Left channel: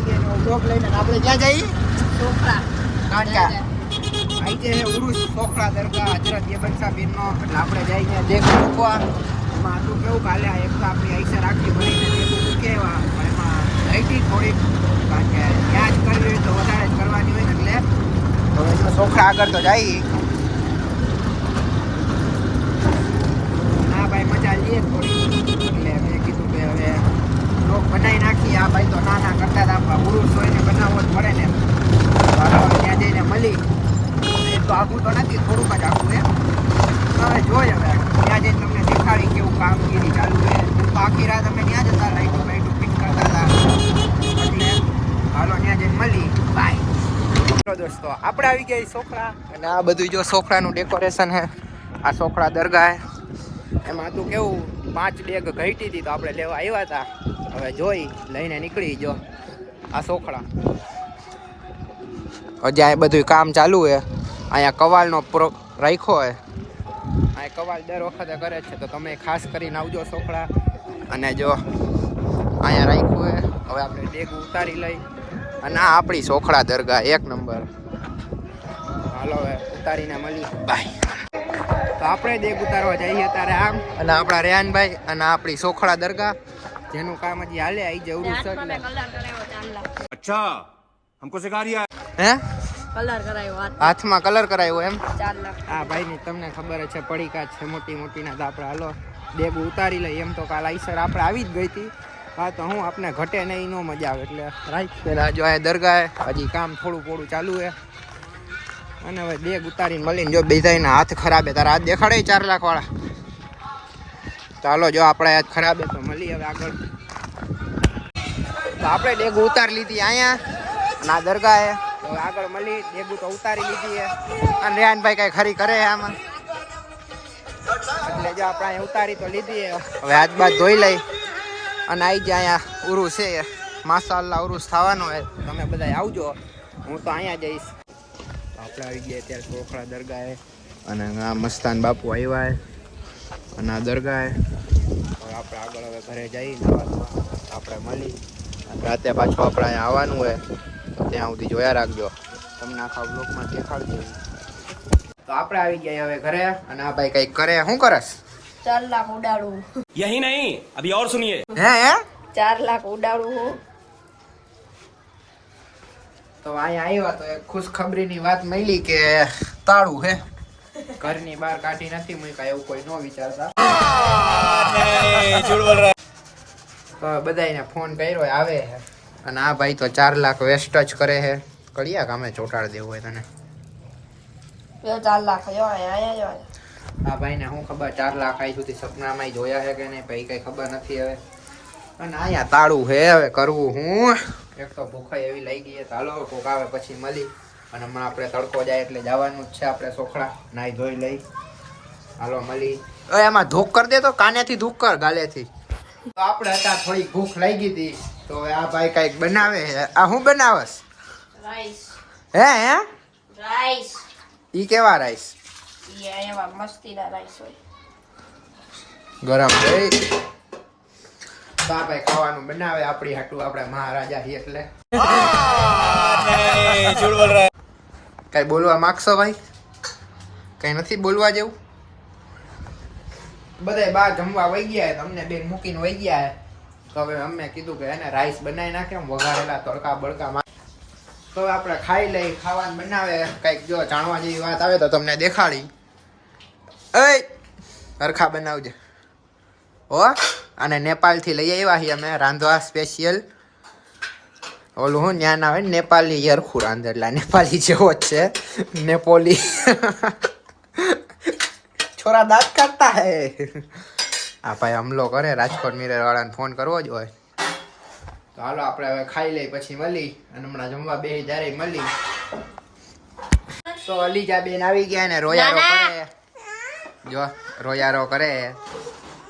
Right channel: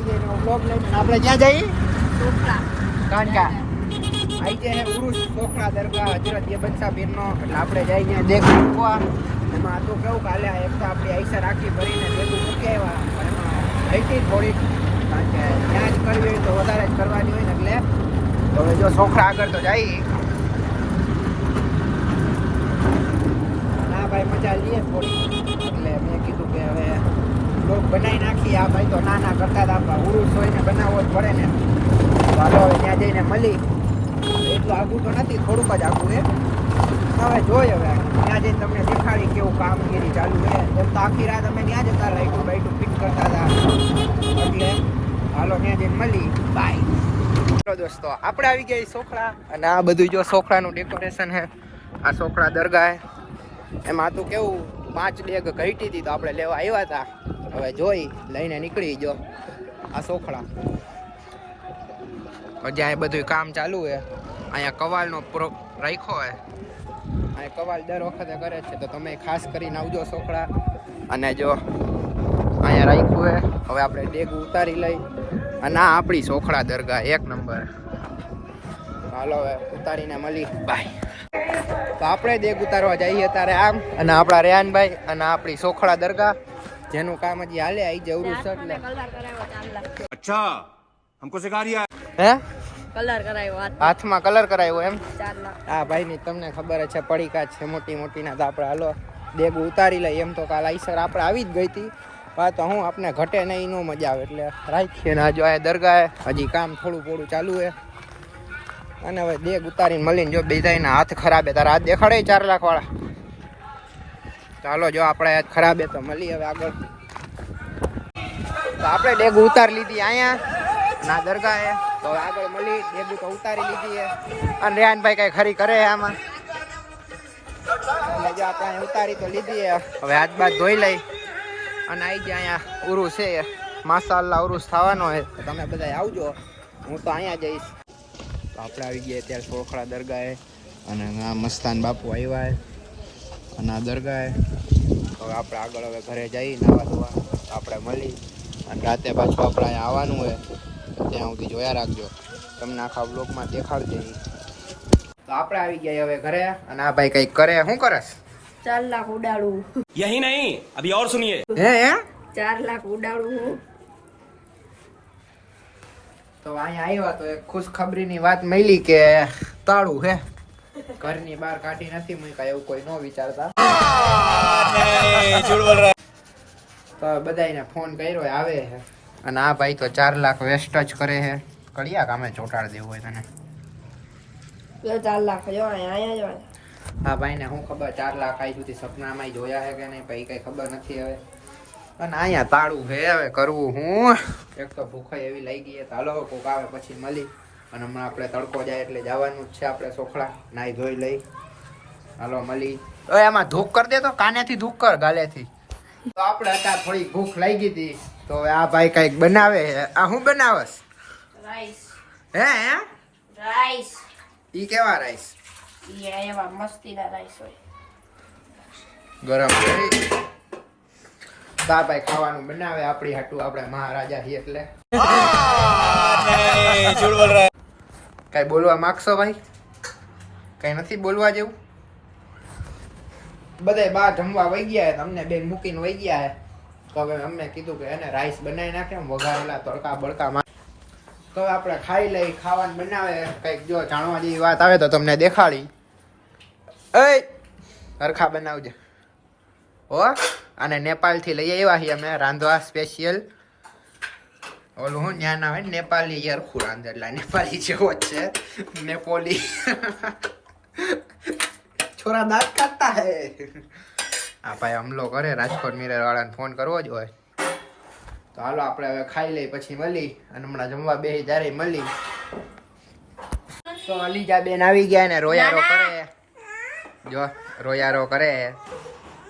આવી ગઈ નો બ્લોગ લઈને આપણે ક્યાં જઈએ સોખરા કાંકા આઈ જે હે ઉરુસ સોખરા દરગાહ હજરત યબન શાહ પીરનો એટલે આપણે જઈ ત્યાં દેખો મૂકવા એમાં આટલું કેવું કાલે એક તો આપણી આઈસા રાખી ભરીને દેખું મૂકી આવ્યા પણ એમાં રહી થોડીક કારણ કે ત્યાં જ કરવી હોય તો વધારે જ કરવાની હોય ને એટલે તો હવે જો સોખરા આગળ તો જઈએ હા ભાઈ મજા લઈએ થોડી એટલે મેં કીધું કે હવે લોક બનાવી નાખીએ આ ભાઈ તો નાના કરતા હતા ઉરુસ હોય ને બનાવવો જ પડે ને હાલો ત્યાં જઈને મળી એટલું આખું તો નથી થોડુંક જ આખું છે હવે જોઈએ હવે ત્યાં જઈને તમને દેખાડી કેવું કામગીરી ચાલુ છે તો આખી રાત અમે ત્યાં જતા લાઈટું બાઈટું ફિટ કરતા હતા એટલે હાલો ત્યાં જઈને મળી બાય દોસ્તો આપણે આવી ગયા સોખરા અને આ બધું જો સોખરાનું ડેકોરેશન છે આ સોખરા દરગાહ એમાં તો કેવું 5 ડેગ ઘટી હતી તો આપણે લેવા આવ્યા હતા હવે જોઈ લઈને નીકળી જો આ સોખરા હજી આ બધું કામ ચાલુ છે અહીંયા કવાલનો રાખ્યો હોય આ કવાલ દર વખતે કરે છે તો તમે ખાસ કરીને આવજો સોખરા અને જો અહીંયા રાખ્યું છે હવે આપણે ડેગ ઉતારી લઈ અને આ આપણી સોખરા દરગાહ 1 નંબર હાલો હવે ઉતારીને મળી બાય તો આપણે દેગ ઉતારવા જઈએ અત્યારે આમ અને આપણા રેહાનભાઈ અને આપણી સોખરા દરગાહ જેનું કામ હજી હાલે આવી જવરું છે એટલે અચ્છા हमको सिखा रिया હે કલર કરાયો હાથમાં કલર કરાયો એમ 4 લાખ હા ભાઈની તમને ખબર છે પડીકા છે મોટી મોટીના તો આપણે હાલો દેગ ઉતારી લઈએ એમ તો કાલ આઈસર આપણે આવી જ ગઈ હતી હા તો હું આપણે ઘટે નહીં નો મજા આવે એટલે રાખીએ ને હજુ આ દરગાહ હજી કામ થોડું થોડું ચાલુ છે અને હવે દેગ ઉતારીને મળીને જો બેધાઈના હાથ ખરાબ હે તારા હાથ દેખાડે 4 લાખ વાળા ચાલો જો આપણા હાથ ખરાબ હે તો મળી હવે આગળ તો આપણે ડેગ ઉતારી લીધી અહીંયા અને આ દરગાહ હે તો હવે આગળ મળી ડેગુ તો ઉતારી લીધી હે અને રેહાનભાઈ કઈ ખરી કરે હે આમાં એટલે જો આપણે અહીંયા ઉતારી તો લીધી હે હવે હાથ બાદ ધોઈ લઈ અને આવી જાય અહીંયા ઉરુસ છે માશાઅલ્લાહ ઉરુસ થવાનો છે તમે બધા આવજો હું તો અહીંયા જઈશ તો આપણે આવી ગયા ત્યારે સોખરા દરગાહે અને આ મસ્તાન બાપુ આવ્યા હે અને આ દરગાહે હવે આપણે આગળ હવે ઘરે જઈ નાવા ધોવા આપણે મળી અને રાતે પાછું આપણે અહીંયા આવવાનું હોય તો ત્યાં સુધી જોયા રાખજો તમને આખા બ્લોગમાં દેખાડજે તો આપણે આવી ગયા હવે ઘરે અને આ ભાઈ કંઈક કરે શું કરસ 4 લાખ ઉડાડું यही नहीं अभी और सुनिए હે 4 લાખ ઉડાડું હું તો અહીંયા આવ્યા તો એક ખુશખબરીની વાત મળી કે તાળું હે ઘરની બહાર કાઢી નથી મૂક્યા એવું કોઈ ન વિચારતા તો બધાને ફોન કર્યો આવે છે અને આ ભાઈ તો 4 લાખ વેસ્ટ જ કરે છે કડિયા કામે ચોટાડ દેવું હોય તને 4 લાખ જો અહીંયા જો હા ભાઈને શું ખબર 4 લાખ આઈ સુધી સપનામાં જોયા છે કે નહીં ભાઈ કઈ ખબર નથી હવે અને અહીંયા તાળું હે હવે કરવું હું એક તો ભૂખાઈ એવી લઈ ગઈ તો હાલો કોક આવે પછી મળી અને હમણાં આપણે તડકો જાય એટલે જવાનું જ છે આપણે સોખડા નાઈ ધોઈ લઈ હાલો મળી એમાં ધૂક કરી દે તો કાનેથી ધૂક કર ગાલેથી તો આપણે અત્યારે થોડી ભૂખ લાગી હતી તો હવે આ ભાઈ કઈક બનાવે આ હું બનાવસ રાઈસ હે રાઈસ ઈ કેવા રાઈસ એવા મસ્તીના રાઈસ હોય ગરમ હા ભાઈ ખાવાનું બનાવે આપણી હાટું આપણે મહારાજા છીએ એટલે કઈ બોલવા માંગશો ભાઈ કઈ નથી બોલવા જેવું બધાય બહાર જમવા વહી ગયા તમને બેન મૂકીને વહી ગયા તો હવે અમને કીધું કે એને રાઈસ બનાવી નાખે વઘારેલા તડકા બળકામાં તો હવે આપણે ખાઈ લઈ ખાવાનું બનાવે કઈક જો જાણવા જેવી વાત આવે તો તમને દેખાડી એ હરખા બનાવજે હો અને નેપાળથી લઈ આવ્યા છીએ અમે રાંધવા સ્પેશિયલ ઓલું હું ત્યાં ના હોય ને નેપાળી હરખું રાંધે એટલે નેપાળી જેવો જ છે નેપોલી છોરા દાંત કાઢતા હે આ ભાઈ હમલો કરે રાજકોટ મિરર વાળાને ફોન કરવો જ હોય તો હાલો આપણે હવે ખાઈ લઈ પછી મળી અને હમણાં જમવા બેસી જ્યારે મળી તો અલીજા બેન આવી ગયા ને રોયારો કરે જો રોયારો કરે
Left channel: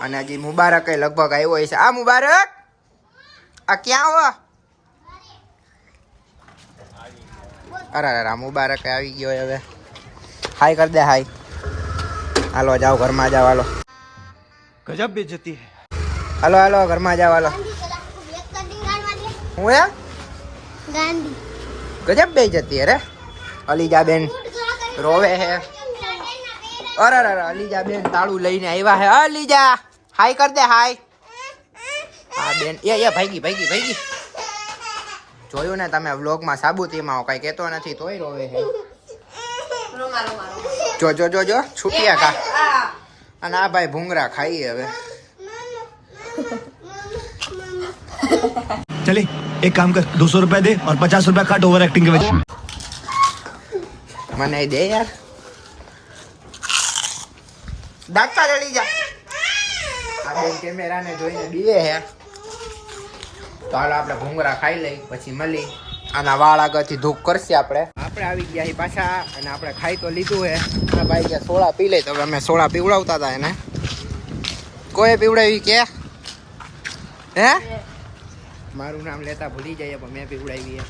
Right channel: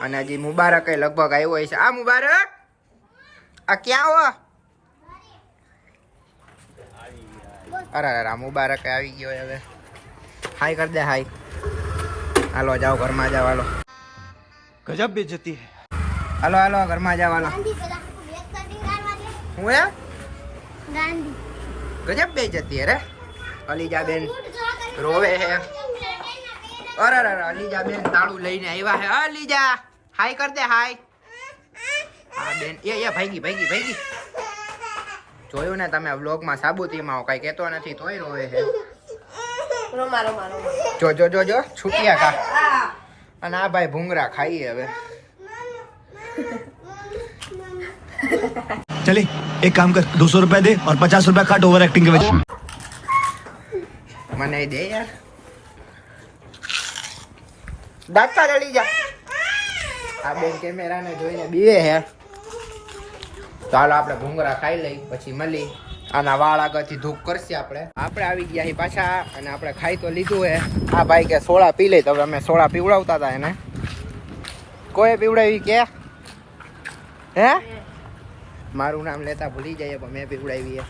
અને હજી મુબારક લગભગ આવ્યો છે આ મુબારક આ ક્યાં હો અરે અરે મુબારક આવી ગયો હવે હાય કર દે હાય હાલો જાઓ ઘરમાં જાઓ હાલો गजब बेइज्जती है હાલો હાલો ઘરમાં જાઓ હાલો હું ગજબ બે જતી અરે અલીજા બેન રોવે હે અરે અરે અલીજા બેન તાળું લઈને આવ્યા હે અલીજા હાય કર દે હાય હા બેન એ ભાગી જોયું ને તમે વ્લોગમાં સાબુતીમાં કઈ કહેતો નથી તોય રોવે છે જો છૂટિયા કા અને આ ભાઈ ભૂંગરા ખાઈએ હવે चले एक काम कर 200 रुपए दे और 50 रुपए काट ओवर एक्टिंग के वजह મને દે યાર દાંતા રડી જા આ બેન કેમેરાને જોઈને બીએ હે ચાલો આપણે ભૂંગરા ખાઈ લઈ પછી મળી આના વાળ આગળથી ધૂપ કરશે આપણે આવી ગયા હી પાછા અને આપણે ખાઈ તો લીધું હે આ ભાઈ કે સોડા પી લે તો હવે અમે સોડા પીવડાવતા હતા એને કોઈ પીવડાવી કે હે મારું નામ લેતા ભૂલી જાય પણ મેં પીવડાવી હે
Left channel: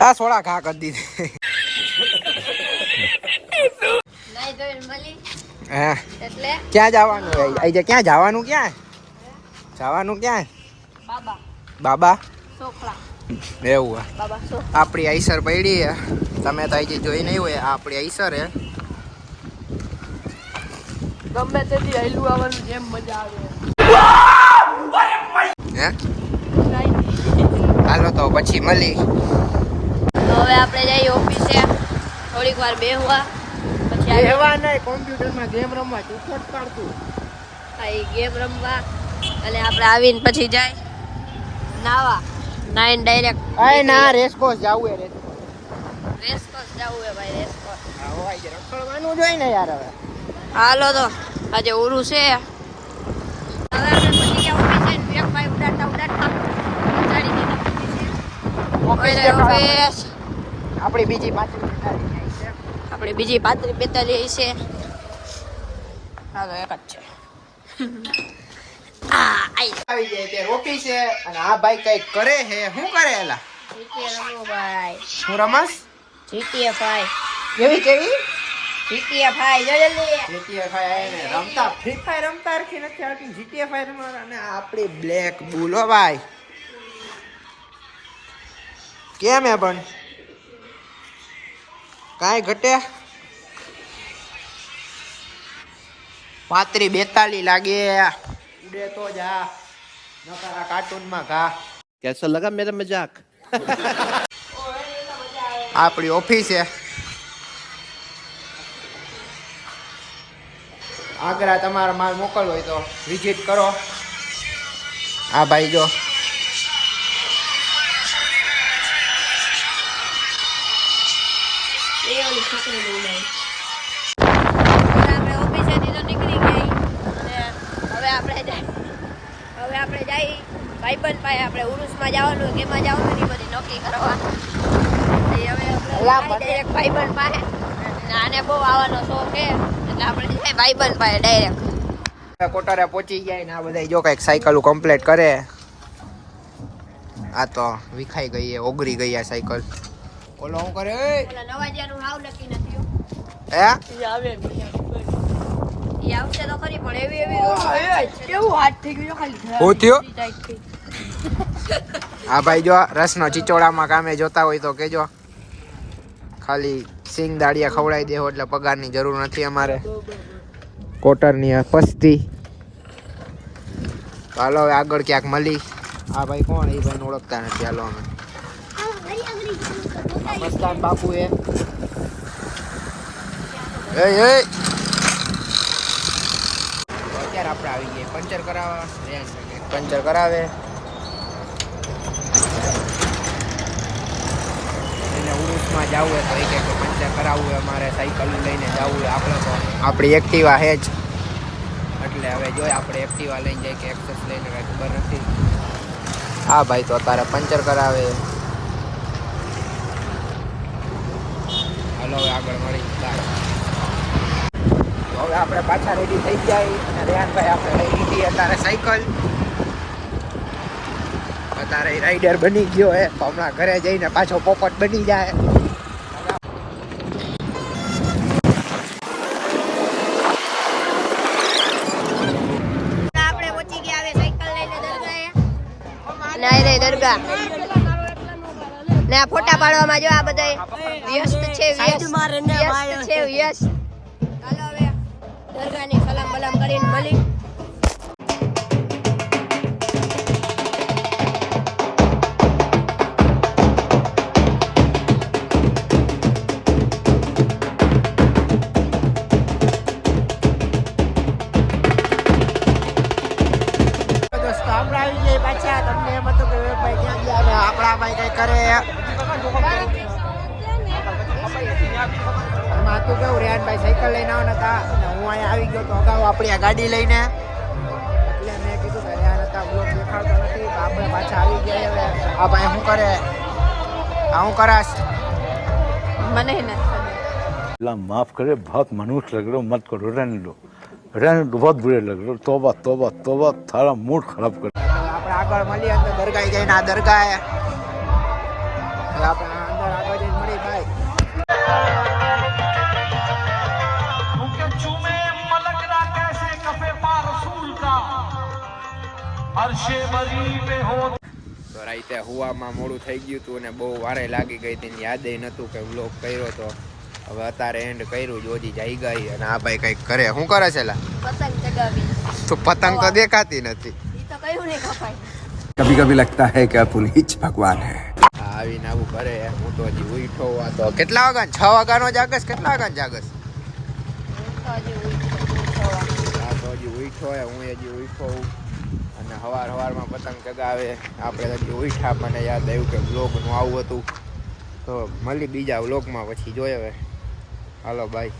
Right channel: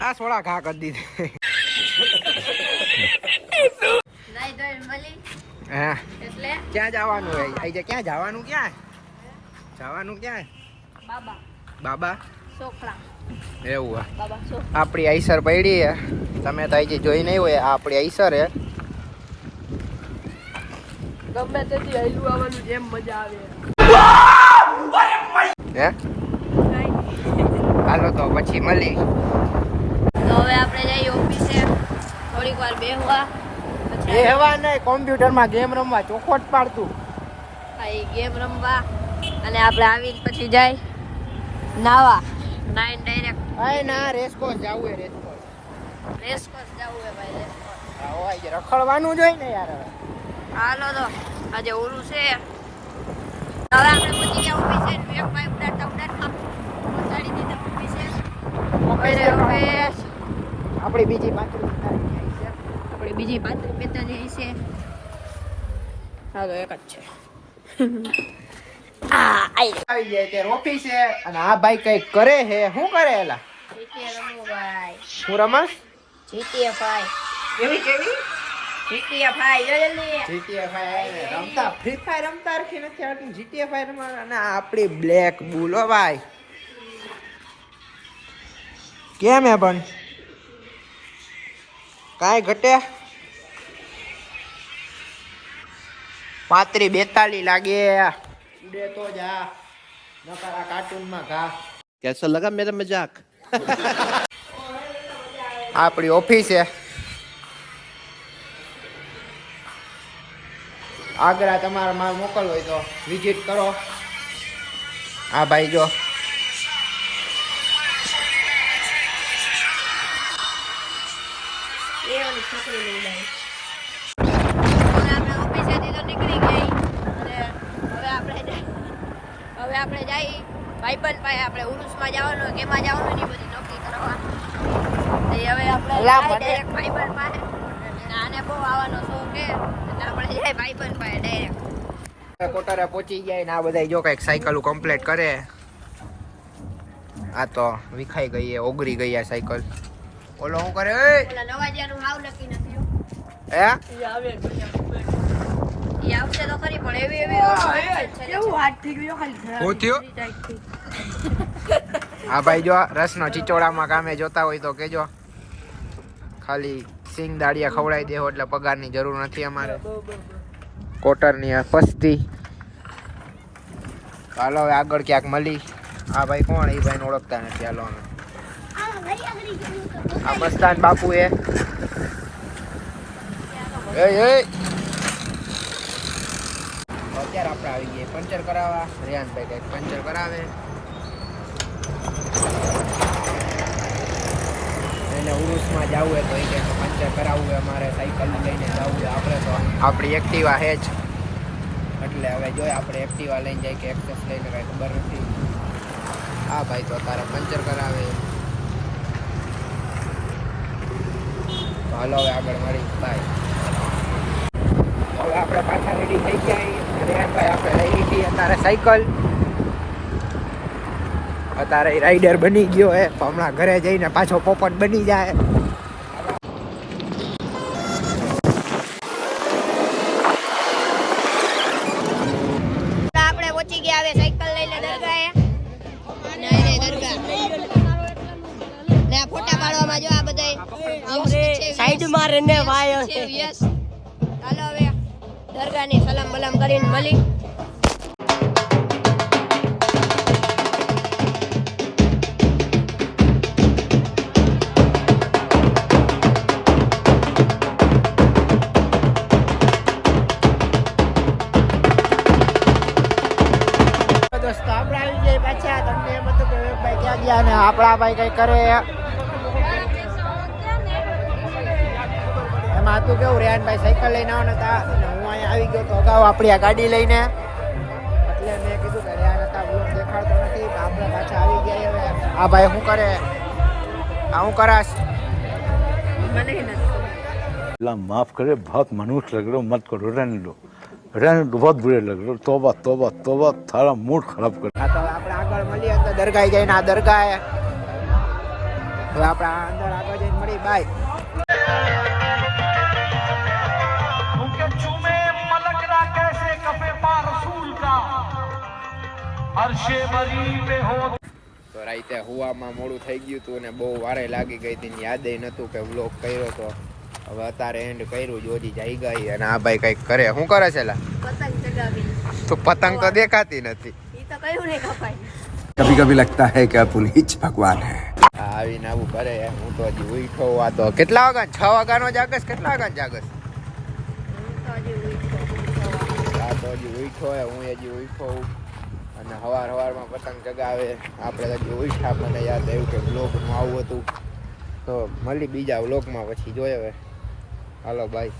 આ સોડા ઘા કરી દીધી હા ક્યાં જવાનું આજે ક્યાં જવાનું ક્યાં બાબા એવું આપણી આઈસર પડી હે તમે તો આજે જોઈ નહીં હોય આ આપણી આઈસર હે ગમે તેથી હેલું આવવાનું જેમ મજા આવે હે હાલો તો પછી મળી તો હવે આપણે જઈએ ઓફિસે થોડીક વાર બેહવા પછી બેહવા નહીં કોમ્પ્યુટરમાં ગેમ રમવા ચોખવટ પાડતું આ ગેમ રમવા અને આપણે આવીને પછી જાય નાવા નાઈન ડાયરેક્ટ અરે ના રેસકોર્સ જાવું હે રેસકોર્સ જવું હે ભાઈ રેસકોર્સ હા હોય છે રખડવાનું જોઈએ ને યાર હવે હાલો તો આજે ઓરું છે હવે આપણે પહોંચી ગયા ઓફિસે એક ભાઈ ઉડાડતા ગાડી દીધા ઓફિસે ઓફિસ આપણી બીજી પાંત્રીસ 45 છે હાલો એક જ છે આવી જાય ત્યારે ઓફિસે અને આ ભાઈ કઈ કરે હે શું કરે એલા શું રમસ કેવી જીટીએફઆઈ રમતા ફ્રી ફાયર રમતા રખી નથી આવતી જીટીએફઆઈ રમવા અને આપણી બ્લેક બુલો ભાઈ કેમ હે પણ કાંઈ ઘટે 35-42 લાગે ઉડે તો જા નકરા કાર્ટૂનમાં ઘા कैसा लगा मेरा मजाक આપણી ઓફિસ છે આગ્રા તમારા માલ મોકલવો હોય તો વિઝિટ કરો આ ભાઈ જો હવે આપણે જઈ ભાઈબંધ પાસે આપણે ઉરુસમાં જવાનું કેમાં જવાનું ની બધી નક્કી કરવાનું હવે આપણે ડાયરેક્ટ ભાઈબંધ પાસે આને બહુ આવવાનો શોખ છે એટલે આપણે જઈએ ભાઈબંધ પાસે ડાયરેક્ટ કોટારે પહોંચી જાય ને આ બધા જો કઈક સાયકલ કમ્પ્લીટ કરે આ તો વિખાઈ ગઈ ઓગરી ગઈ આ સાયકલ ઓલો શું કરે ઓલા નવાજિયાનું હાવ નક્કી નથી હો હે ઈ આવશે તો ખરી પણ એવી રોડ કેવું હાથ થઈ ગયો ખાલી હું થયો આ ભાઈ જો રસનો ચીચોડામાં કામે જોતા હોય તો કેજો ખાલી સિંગ દાડિયા ખવડાવી દેવો એટલે પગારની જરૂર નથી અમારે કોટરની આ પસ્તી હાલો હવે આગળ ક્યાંક મળી આ ભાઈ કોણ એ ભાઈને ઓળખતા નથી હાલો અમે આ મસ્તાન બાપુ એ અત્યારે આપણે આવી ગયા પંચર કરાવવા રેહાન ભાઈ પંચર કરાવે એને ઉરુસમાં જવું હોય તો એ કે પંચર કરાવવું હોય અમારે સાયકલ લઈને જવું હોય આપણે તો આપણી એક્ટિવા હે જ એટલે હવે જોઈએ આપણે એક્ટિવા લઈને જાય કે એક્સેસ લઈને કાંઈ ખબર નથી આ ભાઈ તો અત્યારે પંચર કરાવે હાલો હવે આગળ મળી બાય હવે આપણે પાછા રેડી થઈ ગયા રેહાનભાઈ આપણે લઈ લીધી અત્યારે સાયકલ અત્યારે રાઈડર બની ગયો હે તો હમણાં ઘરે જઈને પાછો પોપટ બની જાય આપણે પહોંચી ગયા હવે સાયકલ લઈને દરગાહ ને આ ફોટા પાડવામાં જો આ બધા વ્યસ્ત છે સાઈડ માં રને ભાઈ છે વ્યસ્ત. ચાલો હવે દરગાહની સલામ બલામ કરીને મળી. દોસ્તો આપણે આવી જઈએ પાછા. તમને એમ હતું કે ભાઈ ક્યાં ગયા ને આપણા ભાઈ કઈ કરે એમાં હતું કેવું, રેહાનભાઈ સાયકલ લઈને આવવાના હતા અને હું અહીંયા આવી ગયો તો અગાઉ આપણી આ ગાડી લઈને, એટલે મેં કીધું કે રેહાન હતા બ્લોગ દેખાડતો નથી તો આપણે પાછા આવી ગયા. હવે આ ભાઈ શું કરે, આ હું કરાશ મને નથી ખબર. अल्लाह माफ करे, बहुत मनुष्य लग रहे हो, मत करो, रहने दो बहुत बुरे लग रहे हो. तौबा तौबा तौबा, थारा मूड खराब कर. હા, તો આપણે આગળ મળીએ અંદર દરગાહ જઈને. આ દરગાહ હવે આપણે અંદર આગળ જઈને મળી. બાય. તો રાતે હુવામાં મોડું થઈ ગયું હતું અને બહુ વારે લાગી ગઈ હતી, યાદે નતું કે વ્લોગ કર્યો તો. હવે અત્યારે એન્ડ કર્યું, જોજી જઈ ગઈ અને આ ભાઈ કઈક કરે. શું કરે છે લા? પતંગ ચગાવી. તો પતંગ તો દેખાતી નથી. ઈ તો કયું નહીં કપાય. कभी कभी लगता है कि पुनीत भगवान है. આવીને આવું કરે. હું તો હજી ઉઠો આ તો કેટલા વાગ્યા? 6 વાગ્યાનો જાગસ? કેટલા વાગ્યા જાગસ? હું તો હજી ઉઠો. આ તો હજી ઉઠો હે, હું હજી ઉઠો અને સવારમાં પતંગ ચગાવે. આપણે હજી ઉઠ્યા, મને યાદ આવ્યું કે વ્લોગનું આવું હતું. તો મળી બીજા વ્લોગમાં, પછી જોઈએ હવે. હાલો બાય.